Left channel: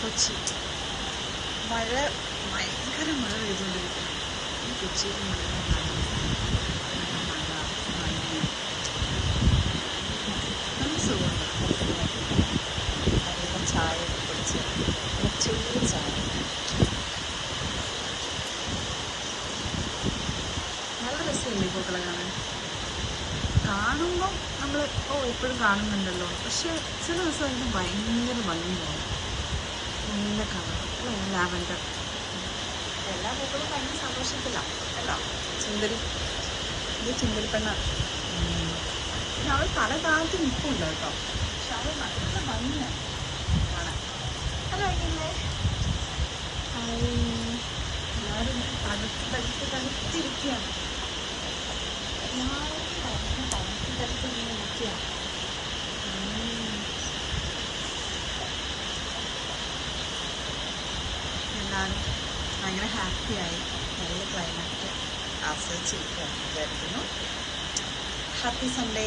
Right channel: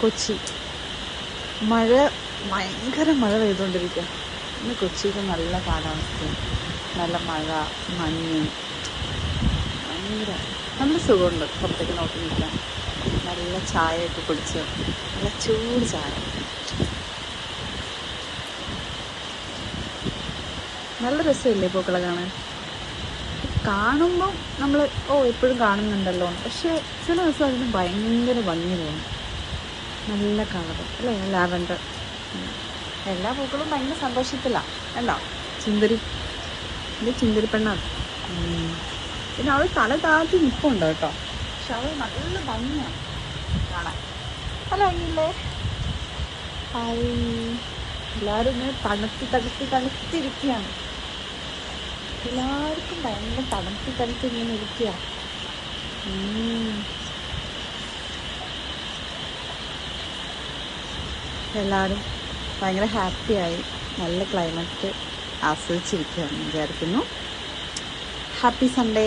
കൊച്ചി മഴ, ഭയങ്കര മഴ പെയ്തുകൊണ്ടിരിക്കും. ഇന്ന് കൊച്ചിയിൽ നല്ല കാലാവസ്ഥ, നല്ല മഴ, മഞ്ഞ്, ഭയങ്കര നല്ല സുഖമുണ്ട്. പുറത്തേക്ക് നോക്കി നിൽക്കാൻ നല്ല ചായയൊക്കെ കുടിച്ച്, ചൂട് ചായ, നല്ല രസമില്ലേ പൂക്കളെ കാണാൻ? കാണുമ്പോൾ നമ്മൾ എപ്പോഴും കാണുന്നുണ്ടല്ലോ, പക്ഷേ ചില ദിവസം അതിന് ഭയങ്കര ഭംഗി തോന്നും. നല്ല കളർ അല്ലേ, ലാവൻഡർ. എല്ലാ പൂക്കളും നല്ല സന്തോഷത്തിലാണ് അല്ല. സുന്ദരി, ഇത് സുന്ദരി പെണ്ണാണ്. പിന്നെ അവൾ തല താഴ്ത്തി നിൽപ്പുണ്ട് കേട്ടോ, പക്ഷെ അവൾ നല്ല ഭംഗിയാണ് കാണാൻ. അത് ഭംഗിയില്ലേ? ഹായ്, എല്ലാവരും ഇങ്ങനെ തണുത്തിരിക്കുകയാണ്. എല്ലാവർക്കും ഭയങ്കര തണുത്ത് ഇങ്ങനെ ഇരിക്കുക. എല്ലാവരും ഭയങ്കര ഹാപ്പിയായി നല്ല ക്ലൈമറ്റ് ആസ്വദിച്ചിരിക്കുകയെന്ന് വിചാരിക്കുന്നു. Happy Sunday.